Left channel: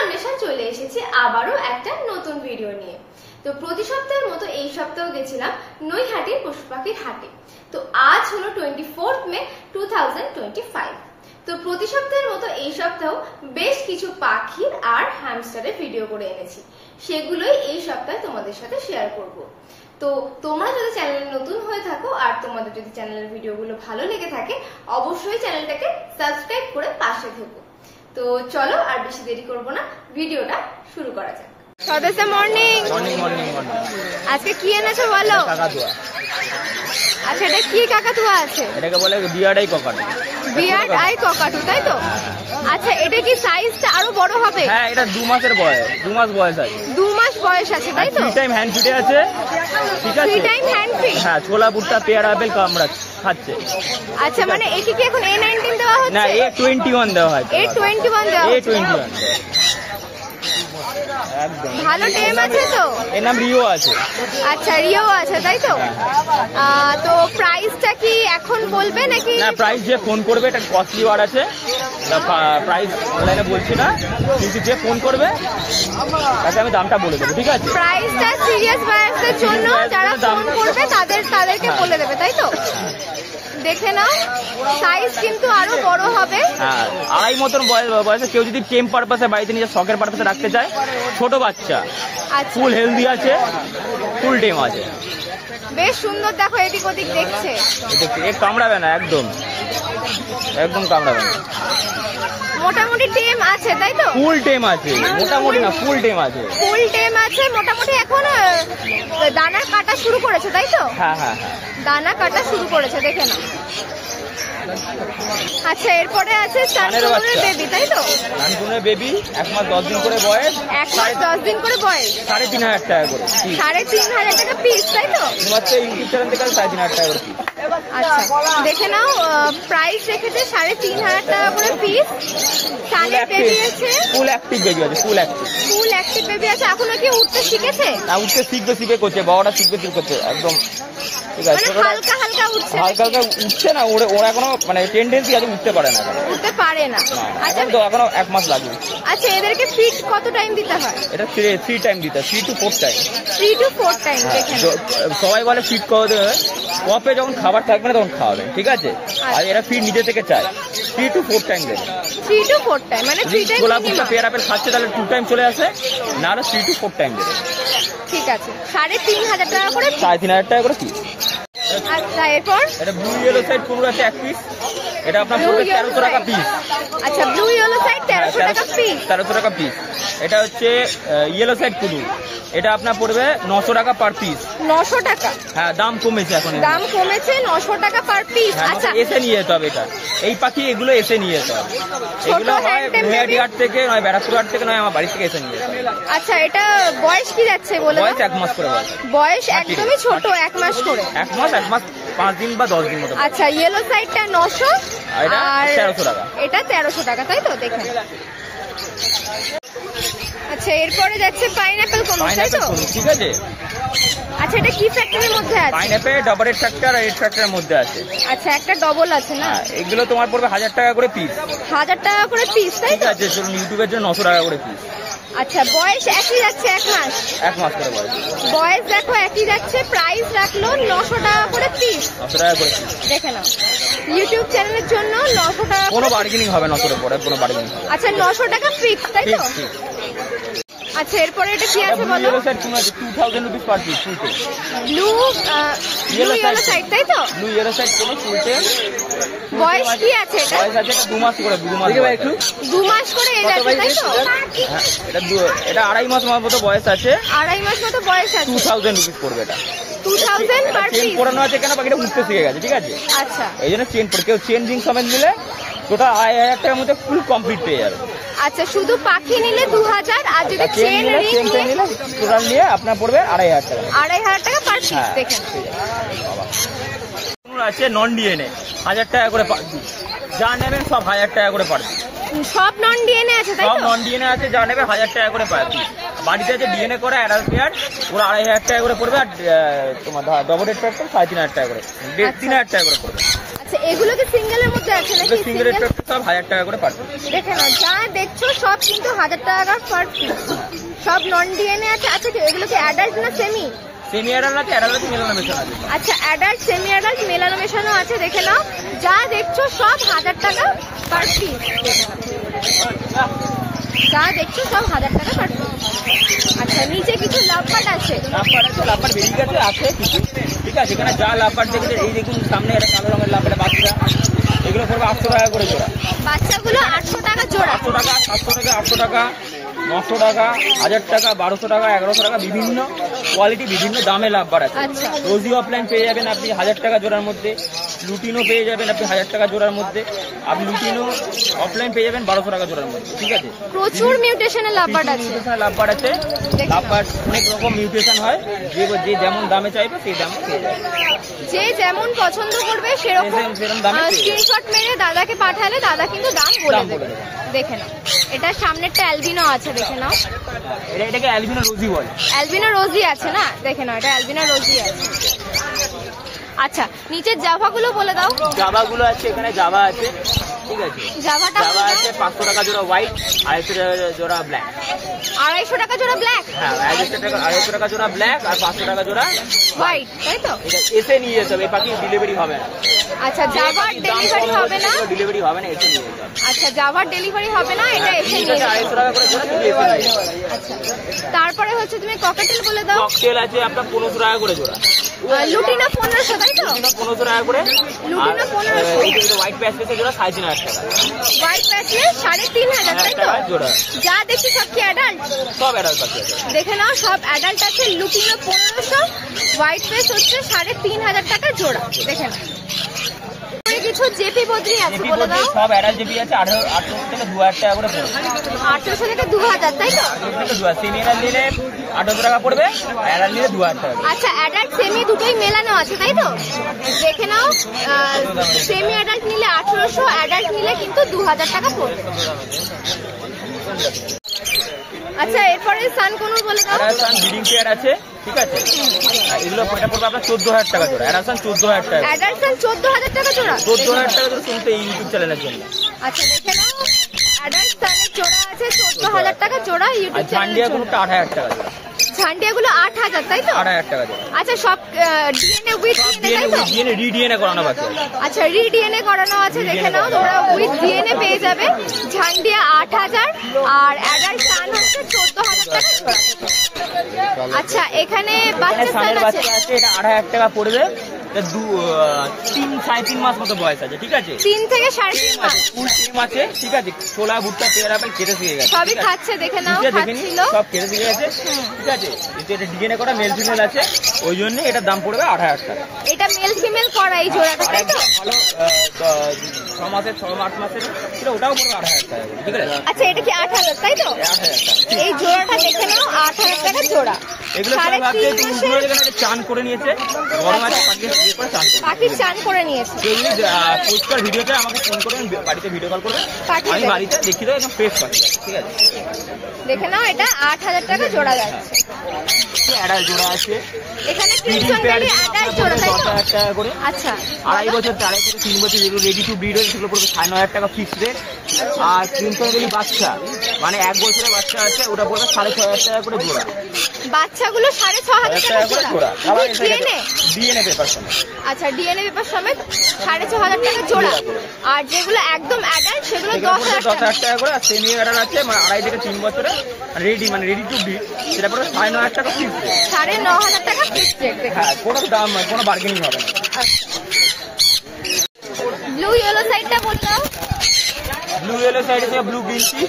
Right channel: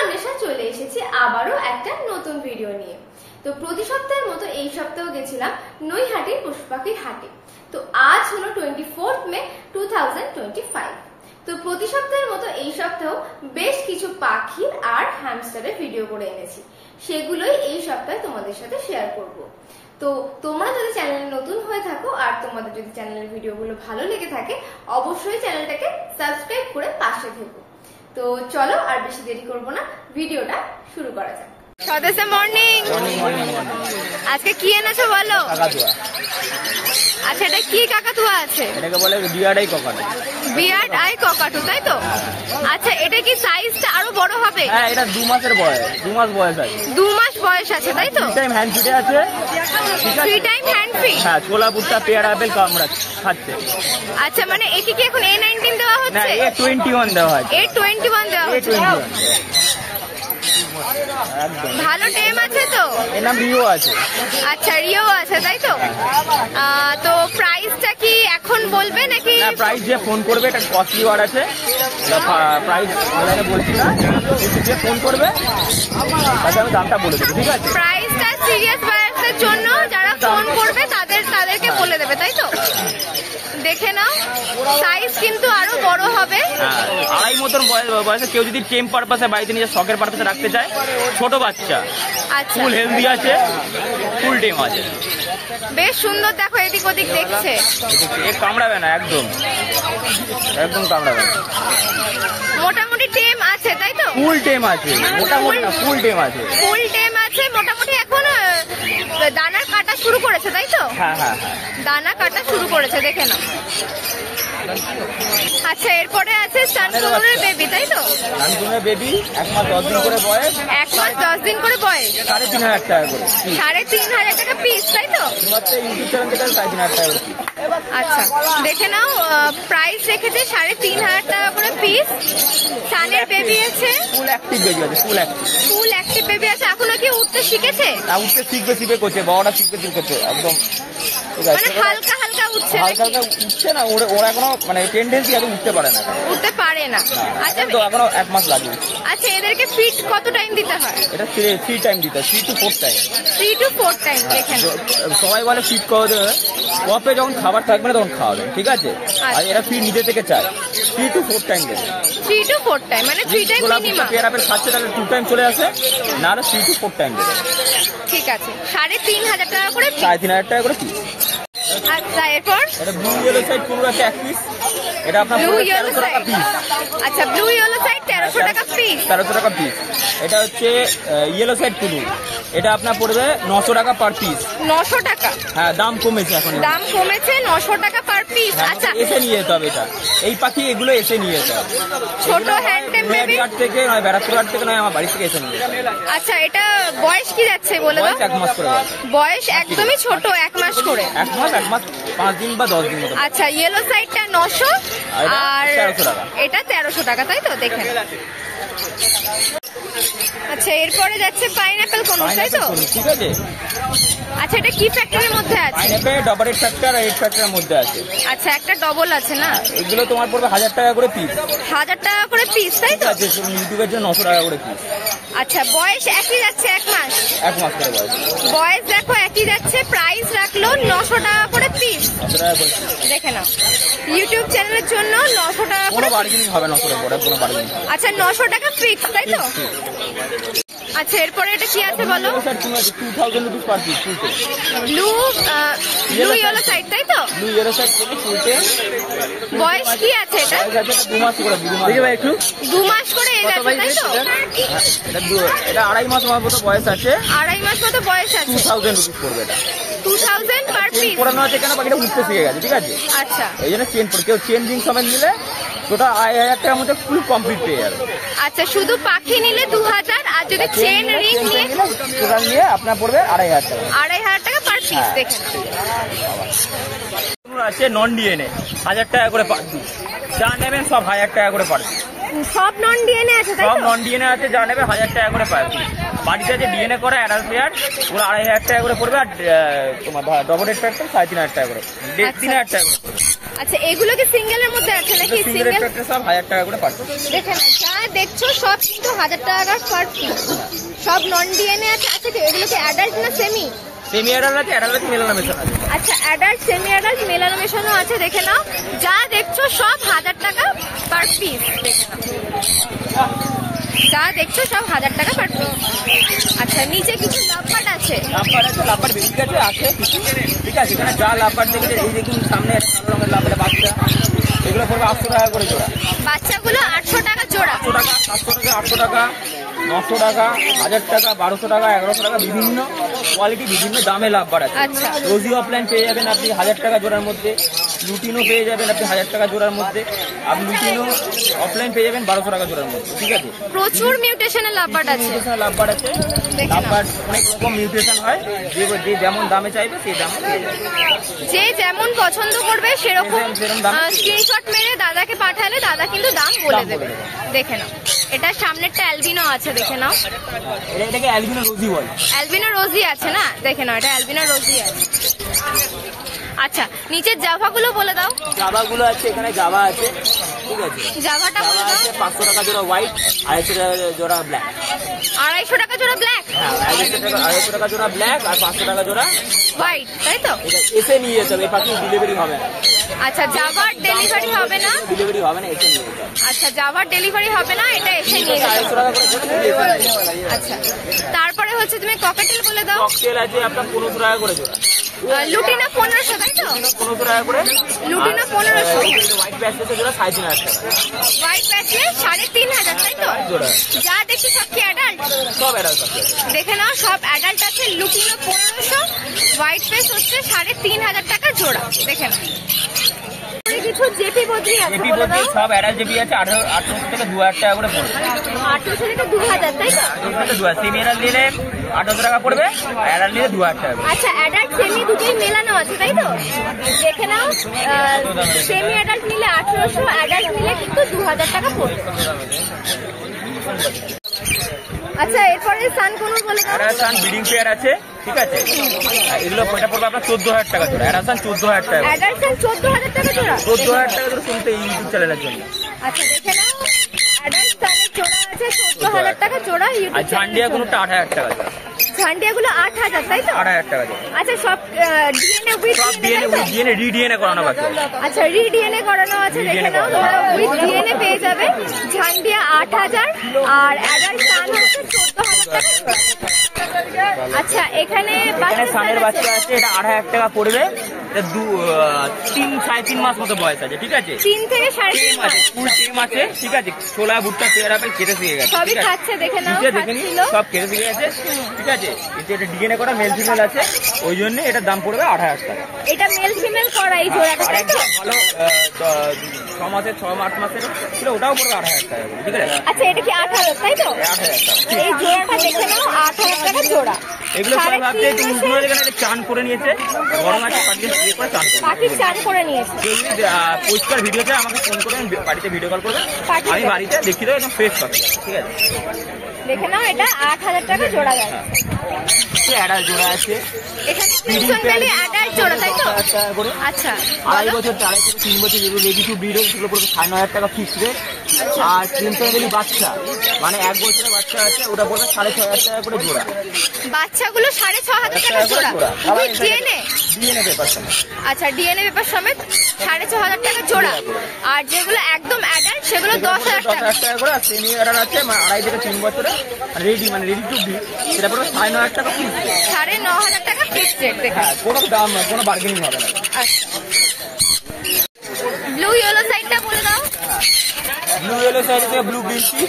অন্বেষা চলে এসেছি আবারও একটা নতুন ভিডিও নিয়ে। তো প্রতি সপ্তাহের মতো এই সপ্তাহে গেছিলাম নৈহাটির পশু পাখির হাটে। তো আজ হলো 24 মে 2025। তো প্রতি সপ্তাহের মতো এই সপ্তাহেও বেশ কিছু পাখির আর হ্যামস্টারের ভিডিও করে এনেছি, সেগুলোই এই সপ্তাহে তোমাদের সাথে শেয়ার করব। তো তোমরা যদি চ্যানেলে নতুন হয়ে থাকো আর তোমাদের যদি চ্যানেলের ভিডিওগুলো ভালো লেগে থাকে, অবশ্যই চ্যানেলটাকে সাবস্ক্রাইব করে পাশে থেকো। তো চলো আর বেশি দেরি করব না, ভিডিওটা শুরু করা যাক। সদস্য মর্নিং। আজকে কি এনেছো বলো? কাকাতুয়া। আচ্ছা, এটা কি কাকাতুয়া আছে? এটাকে বলে বিয়ার্ড আই ককাটু। বিয়ার্ড আই ককাটু, তাই তো? আচ্ছা, এটা কি সাইজটা আরো বড় হবে? হ্যাঁ, এটা 2 মাসের বয়স, 2 মাস বয়স আছে। 2 মাস বয়স আছে, তাই তো? 3 টাইম হ্যান্ড ফিটে আছে। ঠিক আছে, 3 টাইম হ্যান্ড ফিট। হ্যাঁ, ছোলা ভুট্টা পেয়ারা আপেল কামড়া খাচ্ছে। আচ্ছা, মানে একে কি এখন A19 দেওয়া না, হচ্ছে? A21 দেওয়া হয়। A21 দেওয়া হচ্ছে। একদম ভালো টেম আছে তো? এর নাম রিও আছে। আচ্ছা, রিও আছে, তাই তো? তো প্রাইসটা কি এখন বলবে নাকি? না, প্রাইস যে ফোন করবে, এটা কস্টলি ওয়ার্ড আছে, প্রাইস অনলাইনে বলছি না, কিন্তু যে ফোন করবে তাকে আমি দামটা বলে দেবো। ঠিক আছে, প্রাইসটা সিরিয়াস বায়ারদের জন্য, যারা ফোন করবে তাদেরকে বলে দেবে, তাই তো? দেখে নাও, সাইজ কিন্তু আরো বড় হবে। আড়াই মতন বয়সে কেউ যদি টেম পারপাসে বাড়িতে নিজের শখের পারপাসে রাখতে চায়, ছোট বাচ্চা, আচ্ছা, ফুল হেলদি আছে, ফুল টেম আছে, বেশ সুন্দর। দেখো এদিক ওদিক দেখছে, কামড়াবে না, একদম একদম কামড়াবে না। মোটামুটি টেম আছে, তাই তো? ফুল টেম আছে, মোটামুটি না, ফুল টেম আছে। ফুল টেম আছে মোটামুটি। এখন দানা কাটা শুরু করেছে, তাই তো? হ্যাঁ হ্যাঁ, দানা কাটা শুরু করেছে, দেখে নাও। আচ্ছা, এরপরে আছে সানকুনের বেবি, তাই তো? সানকুনের বেবি 1 মাস 10 দিন করে বয়স। 1 মাস 10 দিন করে বয়স। 3,500 টাকা করে। 3,500 টাকা পিস, তাই তো? মাত্র ইউটিউব চ্যানেল থেকে 3,500 টাকা করে। আচ্ছা, দেখে নাও, প্রাইস রেখেছে 3,500 টাকা করে পিস। সানের বেবি আছে, ফুল অ্যাক্টিভ বেবি আছে, ফুল অ্যাক্টিভ বেবি আছে। এখনো কি উঠতে শিখেছে? উঠতে শিখবে করছে, বড়টা শিখবে করছে, একদম মানে হালকা হালকা উঠছে, হালকা হালকা উঠছে না। ওরা এখনো মানে টেন্ডেন্সি আছে, উঠতে পারে না, উঠতে পারে না। আচ্ছা, তো এখনো 1 মাস লাগে। আচ্ছা, এদেরকে ফিড কত টাইম দিতে হয়? এটা 3 টাইম দিতে হয়, 3 to 4 টাইম। 3 to 4 time. দেখেন, সবাই বলে ফিড করে দেবে, কপে যখন খাবার থাকবে না তখন খাওয়াবে, ঠিক আছে? আর এরা ফিড নিজে থেকে চায়, 3 to 4 টাইম দেবে। 3 to 4 টাইম মানে 3 টাইম মিনিমাম। পেয়ারা খাচ্ছে তাহলে 2 টাইম চলে আসে, না হলে 3 to 4 টাইম দেবে। ঠিক আছে, 3,500 টাকা করে, 3,500 টাকা করে পিস। আচ্ছা, এরপর এটা ব্লু ইয়েলো সাইড পুরো আছে 1 পিস। এটা আপনার ব্লু ইয়েলো 1300 টাকা পিস। আচ্ছা, ব্লু ইয়েলো সাইড 1300 টাকা পিস। 1300 টাকা পিস। এটা হচ্ছে ইয়েলো সাইড পুরু, এটা আপনার পড়বে 900 টাকা পার পিস। 900 টাকা? হ্যাঁ, দাম কমেছে এখন, দাম কমেছে, 900 টাকা পার পিস। আচ্ছা, এসে নিয়ে যেতে হবে এটা, এই পাখি এগুলো এসে নিয়ে যেতে হবে। ছোট হ্যান্ডটেম বেবি হাট থেকে নয়, ব্যারাকপুর হাট থেকে নয়, আমার বাড়ি থেকে এসে নিয়ে যেতে হবে। আচ্ছা, এটা বয়স কি যাচ্ছে বলে? বয়স 1 মাস করে বয়স। বয়স একদমই ছোট, 1 মাস করে। 1 মাস 5 দিন বা 10 দিন মতো। আচ্ছা, ইয়েলো সাইডটা 900 আর 1300 টাকা। এটা 1300 টাকা, তাই তো? দেখেন। আচ্ছা, এরপরে যাচ্ছে পাইনাপেল কোন, তাই তো? ঠিক আছে। আচ্ছা, এটা কি ফ্যাক্টরির মধ্যে আছে? পাইনাপেল ডাবল রেড ফ্যাক্টর আর রেড ফ্যাক্টরের মধ্যে আছে। আচ্ছা, একটা ডবল আছে না? এগুলো তোমার পড়বে 1000 টাকা করে পিস। 1000 টাকা করে পিস, তাই তো? ঠিক আছে, চলুন ইউটিউবের জন্য 900 টাকা করে পিস। আচ্ছা, বয়স একই যাচ্ছে, 1 মাস? 1 মাস করে বয়স। বয়স দেখো একই যাচ্ছে, প্রাইস রাখলো 900 টাকা করে পিস। 900 টাকা করে পিস। দেখে নাও, ইউটিউব চ্যানেলের জন্য 900 টাকা কোনো করে। বার্গেনিং হবে না, 900 টাকা কোনো বার্গেনিং হবে। আচ্ছা, 900 টাকা ফিক্স, তাই তো? আচ্ছা, এরপরে এটা কি আছে বলো? 2000 রুপিস পার পিস, ফুল টেম। ব্লু ইয়েলো সাইড, তাই তো? ব্লু ইয়েলো সাইড কোনো ফুল টেম। বয়স কি আছে এটা? বয়স আছে 2 মাস করে, 2 মাস একটু 2 মাস করে এজ আছে, তাই তো? এটা 2.5 মাস মতো বয়স আছে। 2.5 মাস মতো বয়স আছে। 2000 রুপিস পড়বে এটা। 2000 পার চেন পিস। পড়ানো আছে কেন, পাখিটা উঠতে শিখে গেছে, ঠিক আছে? আচ্ছা, এই জন্য চেন পড়ে, কেউ চেন জিং সমেত নিলে টোটাল 2,500 টাকার মধ্যে ফুল কমপ্লিট পেয়ে যাবে। আচ্ছা, শুধু পাখি নিলে 2000, আর যদি চেন রিং নিয়ে আপনার পড়বে 2,500 টাকা। 2,500 টাকা পার পিস। দেখেন, আছে নন ডিএনএ 1000 টাকা করে পার পিস, যা নেবেন সব 1000 টাকা করে পার পিস। সব নন ডিএনএ আছে, তাই তো? সব নন ডিএনএ আছে, যা নেবে 1000 টাকা করে পার পিস। বাড়িতে আছে ডিএনএ করে অ্যাডাল্ট পেয়ার, ওরা 2,500 টাকা করে পড়বে। আর তোমার ডবল রেড ফ্যাক্টর 3,500 টাকা করে, 3,500 টাকা করে পড়বে। আচ্ছা এগুলো কি সিঙ্গেলের মধ্যে আছে নাকি? সিঙ্গেল সব 1000 টাকা করে পার পিস। দেখে না, যা দেখছো সব কিন্তু 1000 টাকা পার পিস, সব নন ডিএনএ আছে। আচ্ছা এগুলো কি অ্যাডাল্ট না সেমি? সেমি অ্যাডাল্ট আছে, অ্যাডাল্ট মেলানো মেশানো আছে। আচ্ছা অ্যাডাল্ট সেমি অ্যাডাল্ট মেলানো মেশানো আছে। দেখে নাও, যা দেখছো সব 1000 টাকা পার পিস। দেখে নাও, যা দেখছো সব 1000 টাকা পার পিস। আচ্ছা নিচে কিছু লাভবার্ড আছে। লাভবার্ড আছে, লাভবার্ড বেরিয়ে গেছে, আছে কিছু। ঠিক আছে, এখানে যা লাভবার্ড দেখেছে, এই দেখুন সামনে একটা কালো রঙের লাভবার্ড বাচ্চা, এগুলো পড়বে 800 টাকা করে জোড়া। বাচ্চাগুলো 800 টাকা জোড়া। 800 টাকা, 700 টাকা, 800 টাকা, 900 টাকা, 1000 টাকা, 1200 টাকা, 1100 টাকা, বিভিন্ন কোয়ালিটি বিভিন্ন দামে লাভবার্ড আছে। আচ্ছা রোজি অফলাইন পেয়ে যাবেন আপনি 1000 টাকা জোড়ার মধ্যে, লুটিনও পেয়ে যাবেন আপনি 1000 টাকা জোড়ার মধ্যে, আপনি লুটিনও অফলাইন পেয়ে যাবেন 1200 টাকা জোড়ার মধ্যে। ঠিক আছে, প্রচুর মিউটেশনের লাভবার্ড আছে। মিউটেশনের লাভবার্ড আছে, লাভবার্ড অনেক রকম মিউটেশন হয়, যে যেমন দামে চাইবে সেই দামে পেয়ে যাবে। যে যেমন পছন্দ করবে সেরকম সেরকম দামে পেয়ে যাবে। স্ক্রিনশট মেরে দাদাকে পাঠালে দাদা কিন্তু দাম বলে দেবে। দেখে নাও, এটা সামনেরটা অ্যালবিনো আছে। দেখে নাও, এটাকে অ্যালবিনো রোজি বলে। অ্যালবিনো রোজি আছে না? দেখে নাও, এটা অ্যালবিনো রোজি আছে। আচ্ছা নিচের জাভা গুলো বলে দাও। জাভা গুলো আছে, এখানে জাভা আছে। ঠিক আছে, জাভাটা জাভা আছে 500 টাকা জোড়া হোয়াইট, 250 টাকা জোড়া ব্ল্যাক। 250 টাকা জোড়া ব্ল্যাক? হ্যাঁ 250 টাকা জোড়া ব্ল্যাক আর 500 টাকা জোড়া হোয়াইট, তাই তো? এটা এসে নিয়ে যেতে হবে, পাখি ডেলিভারি হবে না। আচ্ছা জাভার ডেলিভারি হবে না? ডেলিভারি হবে না, এসে নিয়ে যেতে হবে। আচ্ছা জাভার ডেলিভারি হবে না, এটা এসে নিয়ে যেতে 250 হবে। টাকা করে জোড়া, তুমি এসে নিয়ে যেতে হবে। আচ্ছা তারপরে হচ্ছে তুমি ককাটেল বলে দাও। ককটেল আছে আপনার 1500 টাকা করে জোড়া। লুটিনো 1500, তাই তো? 1500 টাকা করে লুটিনো 1500। হোয়াইট প্যাচ পেসে জোড়া 3500 টাকা। হোয়াইট প্যাচে 3500, তাই তো? জোড়া যা দেখছি সব কি অ্যাডাল্ট? সব অ্যাডাল্ট আছে। দেখে নাও, সব অ্যাডাল্ট আছে। লুটিনো 1500, হোয়াইট পেস হচ্ছে 3500 টাকা জোড়া। দেখে নাও, কিছু জেপি বদ্রি আছে বলে দাও। সব অ্যাডাল্ট জেপি আছে 1800 থেকে 2000 টাকা করে পড়বে। 1800 থেকে 2000, তাই তো? 1800 থেকে 2000, সেমি অ্যাডাল্ট নিলে 1800 টাকা পড়বে, অ্যাডাল্ট নিলে 2000 টাকা পড়বে। আচ্ছা অ্যাডাল্ট সেমি দুটোই মেলানো আছে, তাই তো? দেখে নাও, সেমি অ্যাডাল্ট নিলে 1800, অ্যাডাল্ট নিলে কিন্তু 2000 টাকা পড়বে। আচ্ছা এরপরে সানকনুর বলে দাও। অ্যাডালসান ব্রিডিং পেয়ার আছে। ঠিক আছে, এগুলো এটা পড়বে আপনার 14000 টাকা জোড়া। অ্যাডালসান 14000 টাকা। অ্যাডালসান 14000 টাকা জোড়া। 14000 টাকা জোড়া শুনতে ইউটিউব চ্যানেলের জন্য। আচ্ছা দেখে নাও, অ্যাডালসানের জোড়া আছে 14000 টাকা জোড়া আর ইউটিউব ঝান্ডিয়া চ্যানেলে। কোনটা 8000 টাকা জোড়া। ঝান্ডিয়াগুলো 8000, তাই তো? 8000 টাকা জোড়া। আচ্ছা সব ডিএনএ উইথ সব ডিএনএ, তাই তো? ডিএনএ রিডিএনএ করানো বাকি আছে। আচ্ছা রিডিএনএ করানো আছে। দেখে নাও, তোমরা উইথ ডিএনএ পেয়ে যাবে। ঝান্ডিয়া 8000 আর অ্যাডাল্ট সান হচ্ছে 14000 টাকা জোড়া। আচ্ছা এখানে এখানে সানের বাচ্চা আছে, এটা 8000 টাকা পড়বে। এটা 3-3.5 মাস মতো বয়স আছে। ঠিক আছে, 3 থেকে 3.5 মাস। ফুল টিম আছে। ঠিক আছে, ছোলা ভুট্টা পেয়ার আপেল খেতে শিখে গেছে। সবই খাচ্ছে, দেখে নাও, নিচে দেখে খাচ্ছিল। নিন, সব খেতে শিখে গেছে। ঠিক আছে, এটা ডিএনএ করা মেল ফিমেল আছে, ওই জন্য এটার দাম পড়বে 8000 টাকা। এটা মেল ফিমেল করা এই জোড়াটা, আর তাই তো? একদম ভালো 6 মাসের 6-8 মাসের ছিল, ওটাও পড়বে 8000 টাকা করে। ঠিক আছে, আচ্ছা এটা কি 8000, তাই তো? 8000 টাকা। এই জোড়াটা দেখে নাও, 8000 টাকা জোড়া। এগুলো সব ভাবছে একটু উঠে এখানে চান করে নিয়েছে, গরম আছে, পাখিকে স্প্রে করে চান করে। পাখি চান করে নিয়েছে। যদি পরিষ্কার ভিডিওতে আমাকে ফোন করবেন, বাড়িতে ভিডিও কল করবেন, পাখি আমি দেবে। বাড়িতে দেখিয়ে দেবো, একদম ফ্রেশ পাখি আছে। ঠিক আছে, দেখে নাও, এটা 8000 টাকা জোড়া যাচ্ছে। অ্যাডাল্ট জোড়া আছে। এখানে ক্রিমসন বেলি অ্যাডাল্ট জোড়া, তাই তো? 10,000 টাকা করে। আচ্ছা 2.5 বছর 2.5 থেকে 3 বছর যেগুলো রেডি টু ব্রিড হয়েছে সেগুলো পড়বে 9,500 টাকা ফিক্সড রেট। আর ক্রিমসন বেলি বাচ্চা মানে 1 বছরের বাচ্চা আছে, ওটা পড়বে 6,500 টাকা করে জোড়া। বাচ্চাগুলো 6500 টাকা জোড়া। ডিএনএ ডিএনএ পেপার সমেত। আচ্ছা ডিএনএ পেপার সমেত 6500 টাকা জোড়া। আর যেগুলো একদম অ্যাডাল্ট সেগুলো 10,000 টাকা। 10,000 টাকা করে। আর সেমি অ্যাডাল্ট আছে মানে 2.5 থেকে 3 বছরে রেডি মানে রেডি টু ব্রিড, সেটা পড়বে 9,500 টাকা ফিক্সড রেট। 9,500 টাকা ফিক্সড রেট। দেখে হ্যাঁ, কোনো দাম কোনো বার্গেনিং হবে না। আচ্ছা ব্লু ইয়েলো সাইডটা বলে দাও। ব্লু ইয়েলো সাইড থেকে ব্লু গ্রিনটি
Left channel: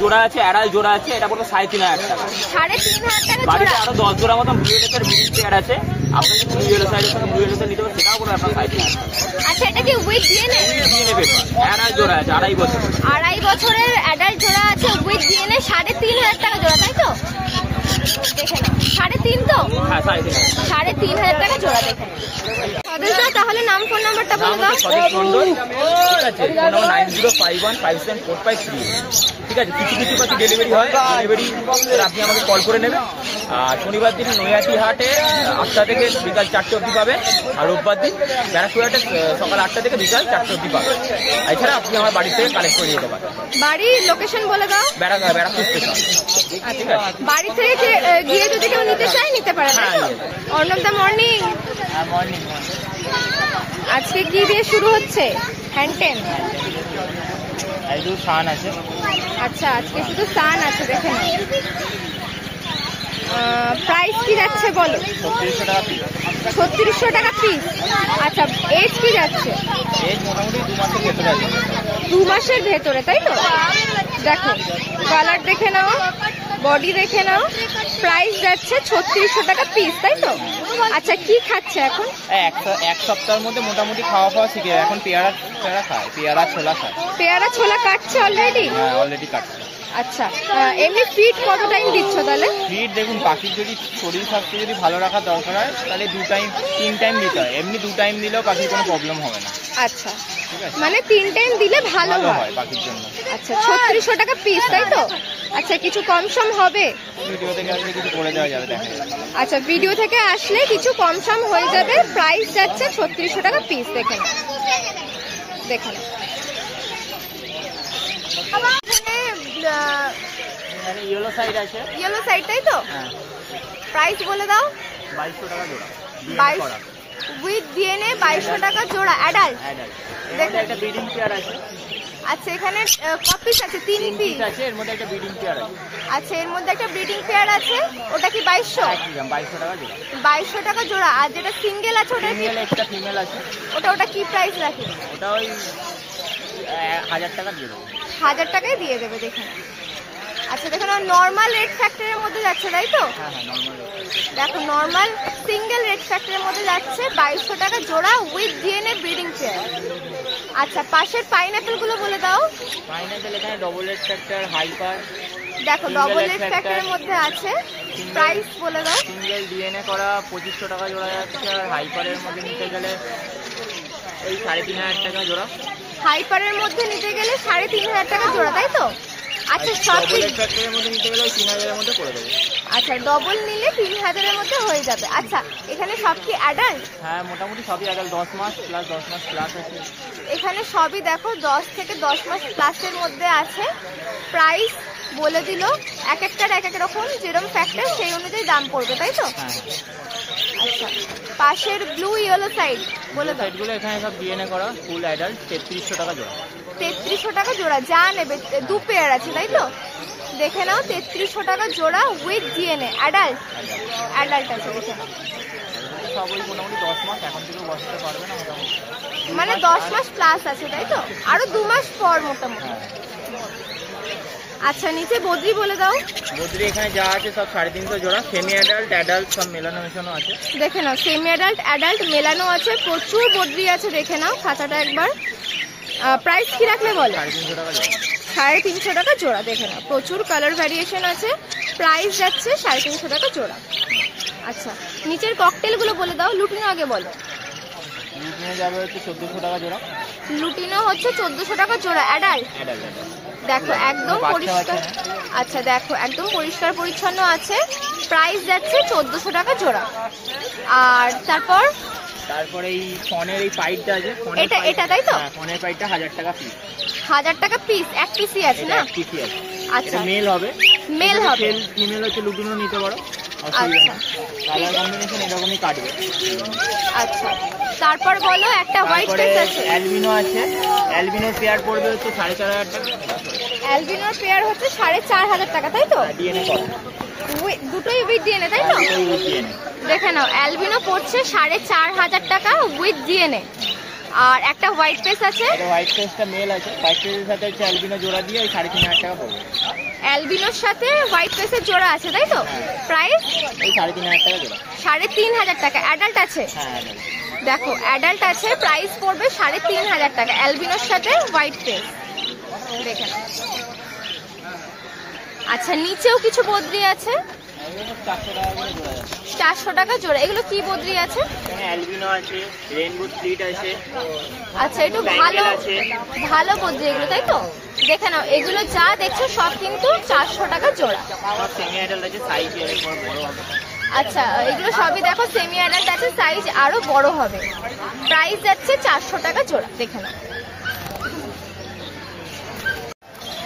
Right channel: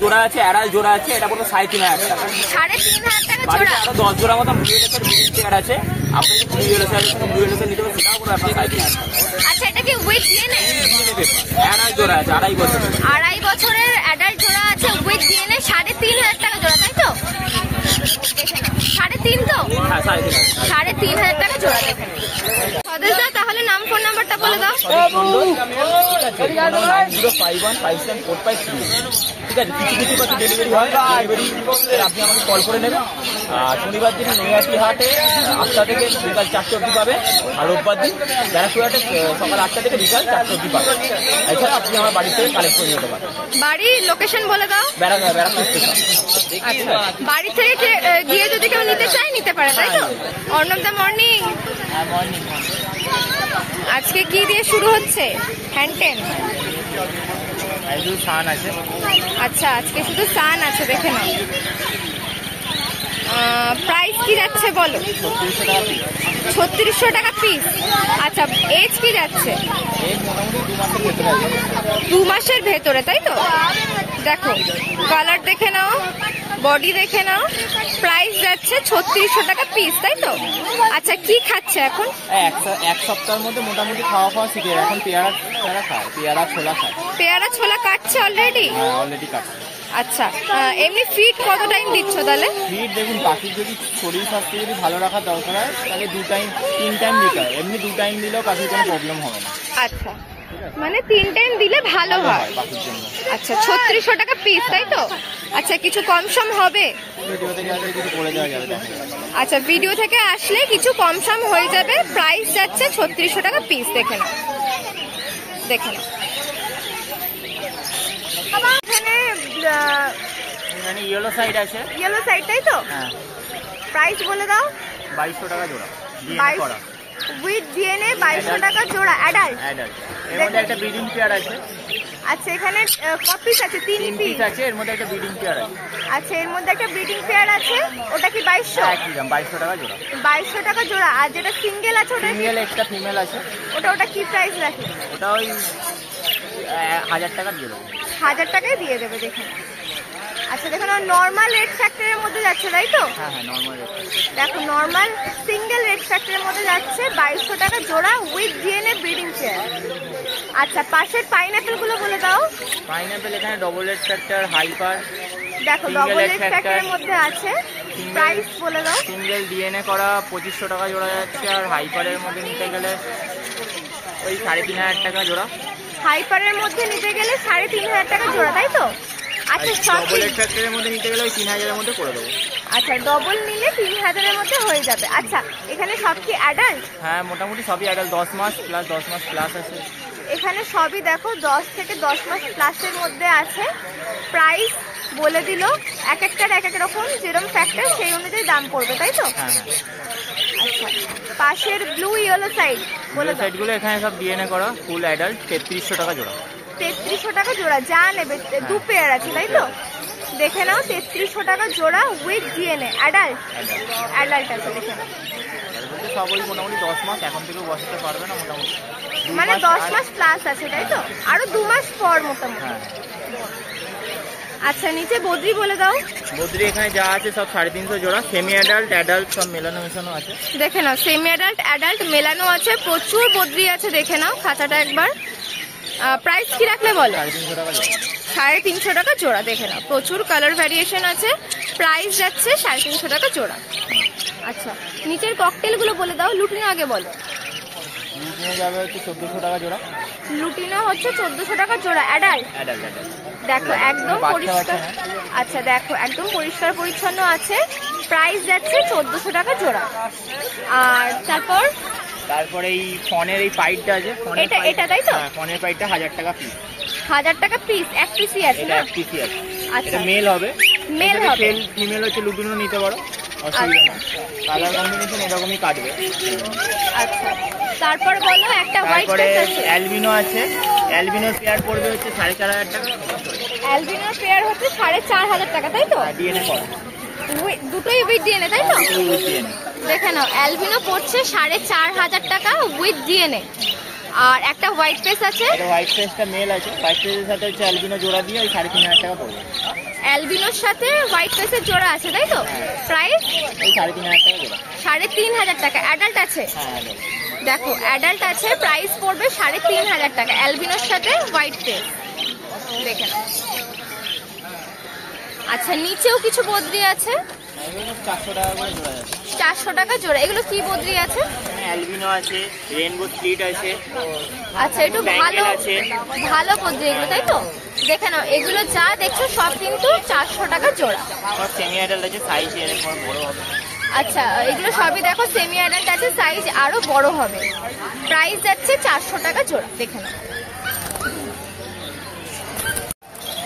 জোড়া আছে, অ্যাডাল্ট জোড়া আছে, এটা পড়বে 3,500 টাকা। 3,500 টাকা বাড়িতে জোড়া। আরো 10 জোড়া মতো blue yellow side breeding pair আছে, আপনি যদি ব্লু ইয়েলো সাইডের সঙ্গে ব্লু ইয়েলো সাইড নিতে পারেন, সেটাও পড়বে আপনার 3,500 টাকা। আচ্ছা এটা কি with DNA? DNA paper adult জোড়া আছে, 2.5 বছর। 2.5 বছরের অ্যাডাল্ট জোড়া আছে উইথ ডিএনএ, 3,500 টাকা জোড়া, তাই তো? দেখে নাও 3.5 তো? হ্যাঁ 3,500। 3,500 টাকা জোড়া। দেখে নাও স্বদেশদা তাহলে নাম ফোন নাম্বারটা বলে দাও। ঠিক আছে, ফোন নাম্বার 9051574538। ঠিক আছে, কিছু কিছু পাখি ডেলিভারি হয়, ডেলিভারি আপনি আমাকে কল করে নেবেন। আর শনিবার দিন নৈহাটি হাটে 8টা থেকে বিকাল 4টে অবধি পাবেন, আর রোববার দিন ব্যারাকপুরহাটে সকাল 8টা থেকে বিকাল 4টে অবধি পাবেন। এছাড়া আপনি আমার বাড়ি থেকে কালেক্ট করে নিতে পারেন। বাড়ির লোকেশন বলে দাও। ব্যারাকপুর স্টেশন। আচ্ছা, বাড়ি থেকে গিয়ে যদি কেউ নিতে চায় নিতে পারে, তাই তো? অর্ণব দা মর্নিং। হ্যাঁ, মর্নিং। আজকে কি দিয়ে শুরু হচ্ছে? হ্যান্ডটেন। সান আছে। আচ্ছা, আজকে শুধু সান আছে, দেখে নাও। প্রাইস কি যাচ্ছে বলো? 3600 টাকা পিস। 3600 টাকা পিস। আচ্ছা, এজ কি যাচ্ছে? এজ মোটামুটি 2 মাসের ভেতরে আছে। 2 মাসের ভেতরে, তাই তো? দেখো, কালার দেখে নাও, বডি দেখে নাও। প্রাইস যাচ্ছে 3600 টাকা পিস, তাই তো? আচ্ছা, কি খাচ্ছে এখন? এক সপ্তাহের মধ্যে মোটামুটি খাওয়া শিখে এখন পেয়ারা খায়, পেয়ারা ছোলা খায়। পেয়ারা ছোলা কাটছে অলরেডি? হ্যাঁ, অলরেডি কাটছে। আচ্ছা, এমনি ফিড কত টাইম দিচ্ছ তাহলে? ফিড দেখুন, পাখির যদি শরীর স্বাস্থ্য যদি ভালো রাখার দরকার হয় তাহলে 2 টাইম 3 টাইম দিতে হয়। এমনি 2 টাইম দিলেও পাখির কোনো প্রবলেম হবে না। আচ্ছা, মানে 3 টাইম দিলে ভালো হয় পাখির জন্য। আচ্ছা, 3600 টাকা পিস, তাই তো? আচ্ছা, কিছু কম সম হবে? ভিডিও থেকে আসলে কিছু করে দেওয়া যাবে, দেখা যাবে। আচ্ছা, ভিডিও থেকে আসলে কিছু কম সম হয়ে যাবে। প্রাইস যাচ্ছে 3600 টাকা পিস। দেখে নাও, দেখে নাও। এখানে মানে ইয়েলো সাইড আছে। ইয়েলো সাইড, তাই তো? হ্যাঁ। প্রাইস বলে দাও। 2200 টাকা জোড়া। 22 উইথ ডিএনএ 2200 টাকা জোড়া। অ্যাডাল্ট। দেখো, একটা ব্রিডিং পেয়ার আছে। আচ্ছা, এখানে কপিস আছে, 3 পিস আছে, এর মধ্যে একটা ব্রিডিং পেয়ার আছে। আচ্ছা, এর মধ্যে একটা ব্রিডিং পেয়ার আছে। ওটা কি 2200? 2200 টাকা জোড়া। 2200 টাকা জোড়া। আর যেটা সিঙ্গেল আছে ওটা কি? সিঙ্গেল, একটা ফিমেল আছে। ওটা কি প্রাইস রাখে? ওটা ওই 1000 টাকা দিয়ে দেবো। 1000 টাকায় দিয়ে দেবে, দেখে নাও। আচ্ছা, দেখো না, নর্মাল রেড ফ্যাক্টরের মধ্যে যাচ্ছে, তাই তো? হ্যাঁ, নরমাল। দেখো, নর্মাল সিঙ্গেল রেড ফ্যাক্টরের মধ্যে যাচ্ছে 2200 টাকা জোড়া উইথ ডিএনএ ব্রিডিং চেয়ার। আচ্ছা, পাশের পাইনাপেল গুলো বলে দাও। পাইনাপেল এখানে ডবল রেড ফ্যাক্টর, হাইপার। দেখো, ডবল রেড ফ্যাক্টরের মধ্যে আছে। প্রাইস বলে দাও। সিঙ্গেল ডিএনএ করা 2500 টাকা জোড়া যাচ্ছে, আর হাইপারের মধ্যে নিতে গেলে ওই 3500 টাকা জোড়া। হাইপারের মধ্যে নিতে গেলে 3500 টাকা জোড়া, তাই তো? আচ্ছা, সব ফ্যাক্টরির মধ্যে নিতে গেলে 3000 এর মধ্যে করে দেবো। আচ্ছা, ডবল নিলে 3000 এর মধ্যে হয়ে যাবে। আচ্ছা, এখানে সব কি অ্যাডাল্ট? হ্যাঁ, মোটামুটি সবই অ্যাডাল্ট। 10 মাস প্লাস আছে। এখানে সবই দেখো 10 থেকে 10 মাস প্লাসের মধ্যে আছে। প্রাইস বলে দিল, এক একটার এক এক রকম, যেরকম ফ্যাক্টর সেই অনুযায়ী দাম পড়বে, তাই তো? আচ্ছা, পাশের ব্লু ইয়েলো সাইড বলে দাও। সাইডগুলো এখানে সব ডিএনএ করা, ফুল অ্যাডাল্ট, 3300 টাকা জোড়া। 3300 টাকা জোড়া। যা নেবে 2 পেয়ার আছে, তাই তো? দেখে নাও, 3300 টাকা জোড়া উইথ ডিএনএ। অ্যাডাল্ট আছে, দেখে নাও। সব ওই মোটামুটি 10 মাস, এখন থেকে বসাতে পারবে না মোটামুটি। মানে 10 মাস প্লাস আছে, তাই তো? আরো 2 মাস পর মোটামুটি। আচ্ছা, নিচে বদ্রি বলে দাও। বদ্রি এখানে যা আছে সব 350 জোড়া। সেমি অ্যাডাল্ট সব মেলানো মেশানো আছে। দেখে নাও, সেমি অ্যাডাল্ট মেলানো আছে। প্রচুর বদ্রি আছে, দেখে নাও খাঁচাটা একবার। প্রাইস কি রাখলে বলো? 350 টাকা জোড়া। 350 টাকা জোড়া। দেখে নাও, প্রচুর কালার ভ্যারিয়েশন আছে। প্রাইস যাচ্ছে 350 টাকা জোড়া। আচ্ছা, নিচের ককটেল গুলো বলে দাও। লুটিনো আগে বলো। লুটিনো যাবে হচ্ছে 1400 টাকা জোড়া। লুটিনো হচ্ছে 1400 টাকা জোড়া। অ্যাডাল্ট। দেখো, একদম পরিষ্কার। আচ্ছা, দেখো, একদম পরিষ্কার পরিচ্ছন্ন আছে। প্রাইস যাচ্ছে 1400 টাকা জোড়া। আর তারপর এই ফনের এই পাইপটা আছে, এটা তাই তো? ফনের পাইপটা 1000 টাকা পিস। 1000 টাকা পিস। এক পিসই আছে না? এক পিসই আছে। আচ্ছা, এটা মেল হবে। ফিমেল হচ্ছে লুটিনো নিতে পারো, অসুবিধা নেই। কালার কম্বিনেশন এরকমই কাটবে। আচ্ছা, তারপর বলো। একটা হোয়াইট পেস আছে। অ্যালবিনো আছে। অ্যালবিনোর পেয়ার পড়বে হচ্ছে 4500 টাকা। অ্যালবিনোর পেয়ার হচ্ছে 4500 টাকা, তাই তো? ডিএনএ করা, দুটোই উইথ ডিএনএ, তাই তো? ডিএনএ। দেখে নাও, অ্যালবিনো পড়ছে 4500 টাকা উইথ ডিএনএ। আর একটা হোয়াইট পেস আছে। হোয়াইট পেসটা মেল আছে। হোয়াইট পেসের সাথে হচ্ছে অ্যালবিনো জোড়া দিয়ে ওই 3500 টাকা পড়বে। অ্যালবিনোর সাথে হোয়াইট পেসের জোড়া আছে, তাই তো? প্রাইস এই 3500 টাকা জোড়া। 3500 টাকা। অ্যাডাল্ট আছে? হ্যাঁ, দেখো, অ্যাডাল্ট আছে। প্রাইস পড়বে 3500 টাকা অ্যালবিনোর সাথে হোয়াইট পেস। দেখে নাও। আচ্ছা, নিচেও কিছু বদ্রি আছে। 400 টাকা জোড়া। এগুলো কি বদ্রি আছে? অ্যালবিনো আছে, রেইনবো স্প্লিট আছে। আচ্ছা, একটু ভালো ভালো বদ্রি এগুলো, তাই তো? দেখে নাও, এগুলো যা দেখছো সব কিন্তু 400 টাকা জোড়া। সব সেমি অ্যাডাল্ট আছে, সাইজ এরকম বড় হবে। আচ্ছা, এগুলো সবই দেখো সেমি অ্যাডাল্ট আছে, সাইজ আরো বড় হবে। প্রাইস যাচ্ছে 400 টাকা জোড়া, দেখে নাও।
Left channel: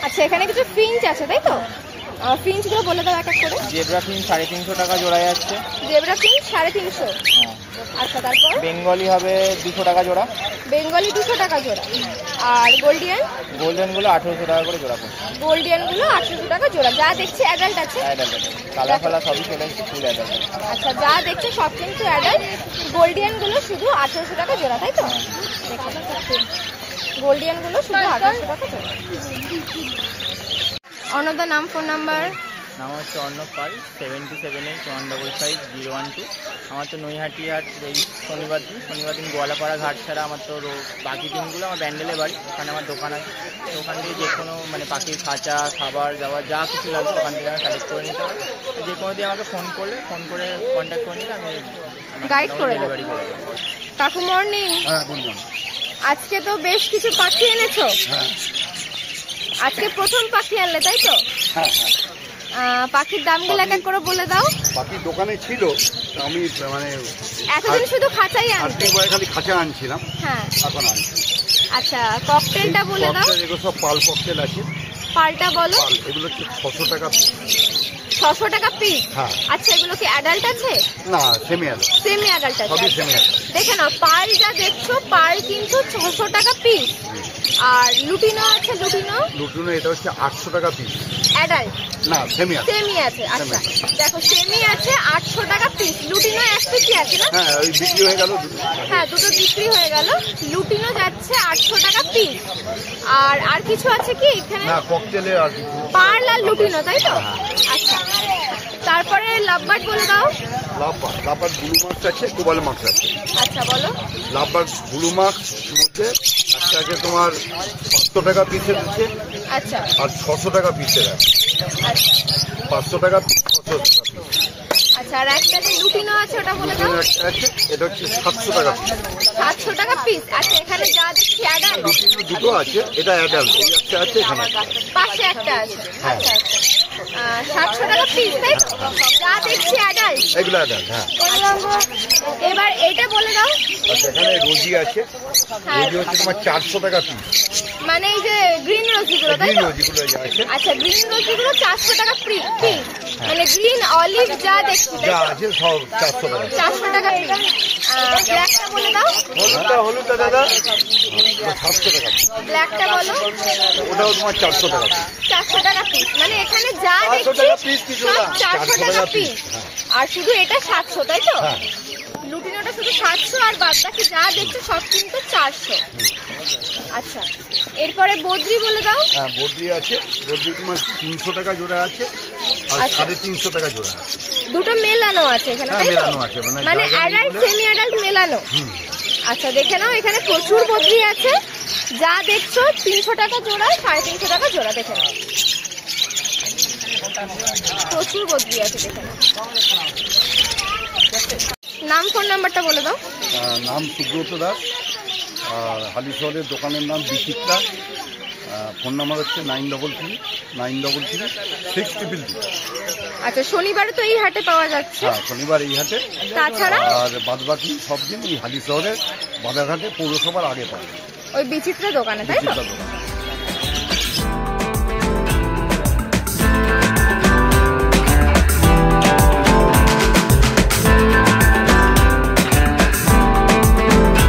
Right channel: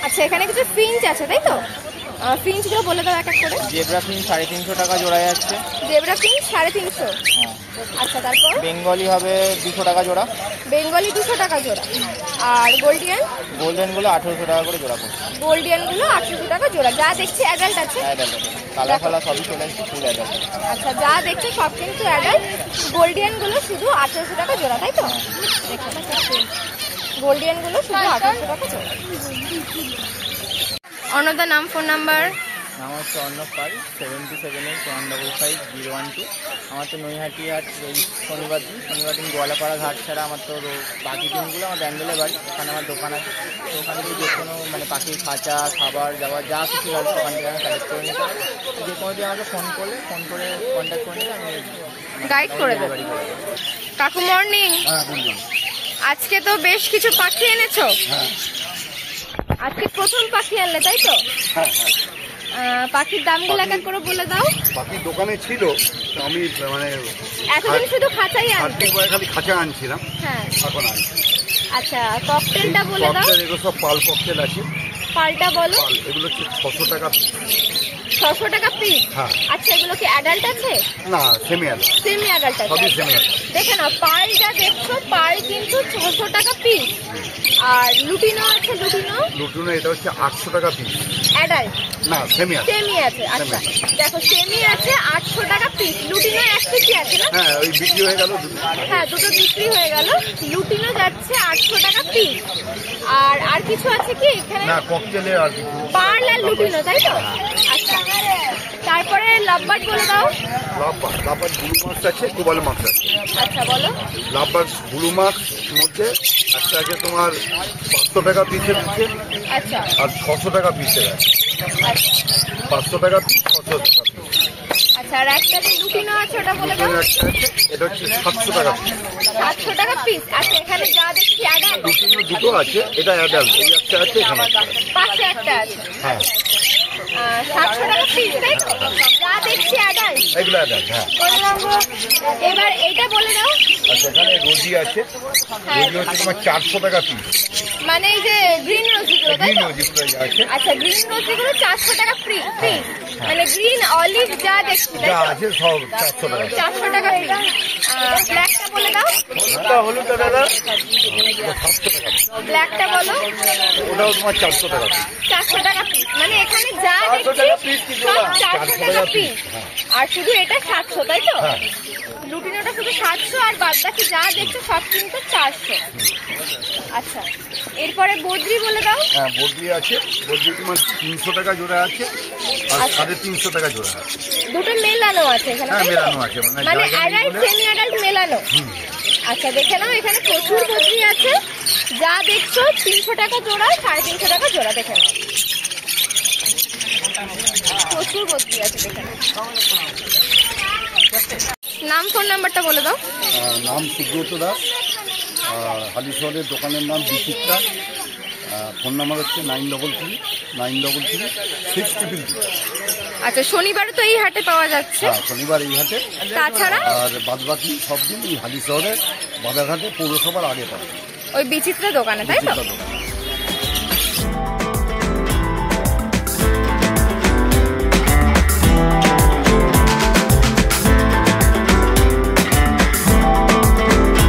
আচ্ছা, এখানে কিছু ফিঞ্চ আছে, তাই তো? ফিঞ্চ গুলো বলে দাও এক এক করে। জেব্রা ফিঞ্চ 350 টাকা জোড়া যাচ্ছে। Zebra Finch 350। হ্যাঁ। আচ্ছা, তারপর বেঙ্গলি হবে 200 টাকা জোড়া। বেঙ্গলি 200 টাকা জোড়া। আর গোল্ডিয়ান? গোল্ডেন গুলো 1800 টাকা করে জোড়া পড়ছে। গোল্ডিয়ান গুলো 800 টাকা জোড়া। যা দেখছি অ্যাডাল্ট আছে। অ্যাডাল্ট আছে, কালার ফালা সবই চলে এসেছে, ফুল অ্যাডাল্ট। আচ্ছা, যা দেখছো সব কিন্তু অ্যাডাল্ট। গোল্ডিয়ান গুলো শুধু 800 টাকা জোড়া, তাই তো? দেখো, গোল্ডিয়ান গুলো শুধু 800 টাকা জোড়া। অনদা নাম, ফোন নাম্বার? নাম হচ্ছে অর্ণব পাল, 7278155012। আমার তো নৈহাটি হাট এই শনিবার দিন গোয়ালাপাড়া ঘাট ছাড়া আমার তো বাকি দিনগুলো আমার ব্যান্ডেলে বাড়ি, ওখানে আমার দোকান আছে। তো ওখান থেকে যে কোনো মানে পাখির খাঁচা, খাবার দাবার যা কিছু লাগবে ওখান থেকে আমি কালেক্ট করে নিতে পারি। যে কোনো দিন আমাকে ফোন করে কন্ট্যাক্ট করে নিলে আমি গাইড করে দেবো। কাকু মর্নিং। হ্যাঁ, বলুন। আজকে তো বেশ কিছু পাখি এনেছো। হ্যাঁ আজকে প্রথম পাখি আনলে, তাই তো? হ্যাঁ হ্যাঁ। পাখির দামগুলো এক এক করে বলে দাও। বাকি দোকানে ছিল, আমি মানে এতদিন শুধু খাঁচাই আনতে। আর্থিক বয়ে খালি খাঁচা আনছিলাম, হ্যাঁ। এখন আনছি। আচ্ছা, ককটেলটা বলে দাও। ককটেল এগুলো সব পাল ককটেল আছে। পালটা বলো। পাল এগুলো হচ্ছে 600 টাকা পিস। 600 টাকা পিস? হ্যাঁ। আচ্ছা, এগুলো কি অ্যাডাল্ট আছে? না, সেমি অ্যাডাল্ট। সেমি অ্যাডাল্ট আছে। সবই সেমি অ্যাডাল্ট। দেখে নাও, পাল যা দেখছো পাল কিন্তু 600 টাকা পিস। আর লুটিনো আছে, লুটিনো এটা হচ্ছে 800 টাকা পিস। অ্যাডাল্ট না, সেমি অ্যাডাল্ট। সেমি আছে। আচ্ছা, দেখো সেমি আছে 800 টাকা পিস। লুটিনো এক পিসই আছে না? হ্যাঁ, ওই বিক্রি হয়ে গেল দুটো। হ্যাঁ, দুটো বিক্রি হয়ে গেল। লুটিনো যাচ্ছে 800 টাকা পিস। আর কিছু আছে কি এখানে? না, ককটেলে আর কিছু। পার্ল আর লুটিনো, তাই তো? আচ্ছা, তারপরে লাভবার্ড বলে দাও। লাভবার্ড ব্লু মার্কস আছে, কোবাল মার্কস আছে। আচ্ছা, বলো। লাভবার্ড ব্লু মার্কস মধ্যে একটা আছে তোমার 500 টাকা পিসের আছে। আচ্ছা, আর 600 টাকা পিসের আছে। আচ্ছা, 500 টাকা পিস, 600 টাকা পিস। আচ্ছা। আর একটা যে লুটিনো আছে ওটা বলে দাও। লুটিনো একটা আছে, এটা হচ্ছে 700 টাকা পিস। 700 টাকা পিস। আচ্ছা, এখানে যা দেখছি অ্যাডাল্ট। লুটিনো দুটো আছে, এটা অ্যাডাল্ট। এই একটা আছে, এখানে একটা আছে। পাশে একটা আছে। হ্যাঁ। আচ্ছা, আচ্ছা। 700 টাকা পিস, তাই তো? যা দেখছি অ্যাডাল্ট। এগুলো অ্যাডাল্ট। হ্যাঁ। এবার এইটা বলে দাও। আচ্ছা, এখানে রোজি আছে। হ্যাঁ। রোজি হচ্ছে তোমার 400 টাকা পিস। মানে এই যে গ্রিন রোজিগুলো, তাই গ্রিন তো? রোজিগুলো আছে। আচ্ছা, গ্রিন রোজিগুলো 400 টাকা পিস। মানে গ্রিন অলিভ যা দেখছি, তাই যা তো? আছে সব 400 টাকা। 400 টাকা পিস। ব্ল্যাকটা বলে দাও। হলুদটা দাদা 700 টাকা পিস। ব্ল্যাকটা বলো। ওটাও তোমার 400 টাকা পিস। 400 টাকা পিস। মানে এখানে যা 400 দেখছি টাকা পিস কিছু সব না, 400 400 টাকা টাকা পিস। পিস। হ্যাঁ। আর শুধু এটা 700, তাই তো? হ্যাঁ। লুটিনোটা শুধু 700 আর বাদ বাকি যা দেখছো সব কিন্তু 400। আচ্ছা, এরপরে বদ্রি বলে দাও। হ্যাঁ, বদ্রি আছে। বদ্রি তোমার 300 টাকা জোড়া আছে, আর আচ্ছা। 350 টাকা জোড়া আছে। দুটো মেলানো আছে এখানে, হ্যাঁ, তাই তো? মেলানো আছে, মানে মানে জায়গা অ্যাডাল্ট নিয়ে সেমি অ্যাডাল্ট মেলানো। আচ্ছা, দেখে নাও, এখানে প্রচুর বদ্রি আছে। যা দেখছো 300 টাকা জোড়া, 350 টাকা জোড়া। দেখে নাও, প্রচুর বদ্রি আছে, দেখে নাও। নাম, ফোন নাম্বারটা বলে দাও। নাম সুব্রত দাস, আর হালিশহরের দোকানের নাম বিচিত্রা। ফোন নাম্বার হচ্ছে 9333936333। আচ্ছা, শনিবারে তো এই হাটে পাওয়া যাচ্ছে। হ্যাঁ, শনিবার এই হাটে। তাছাড়া আর বাদবাকি সব দিন এই হালিশহরের বাজারঘাটে পৌরসভার আগে পাওয়া যায়। ওই বিচিত্রা দোকানে, তাই তো? বিচিত্রা দোকান।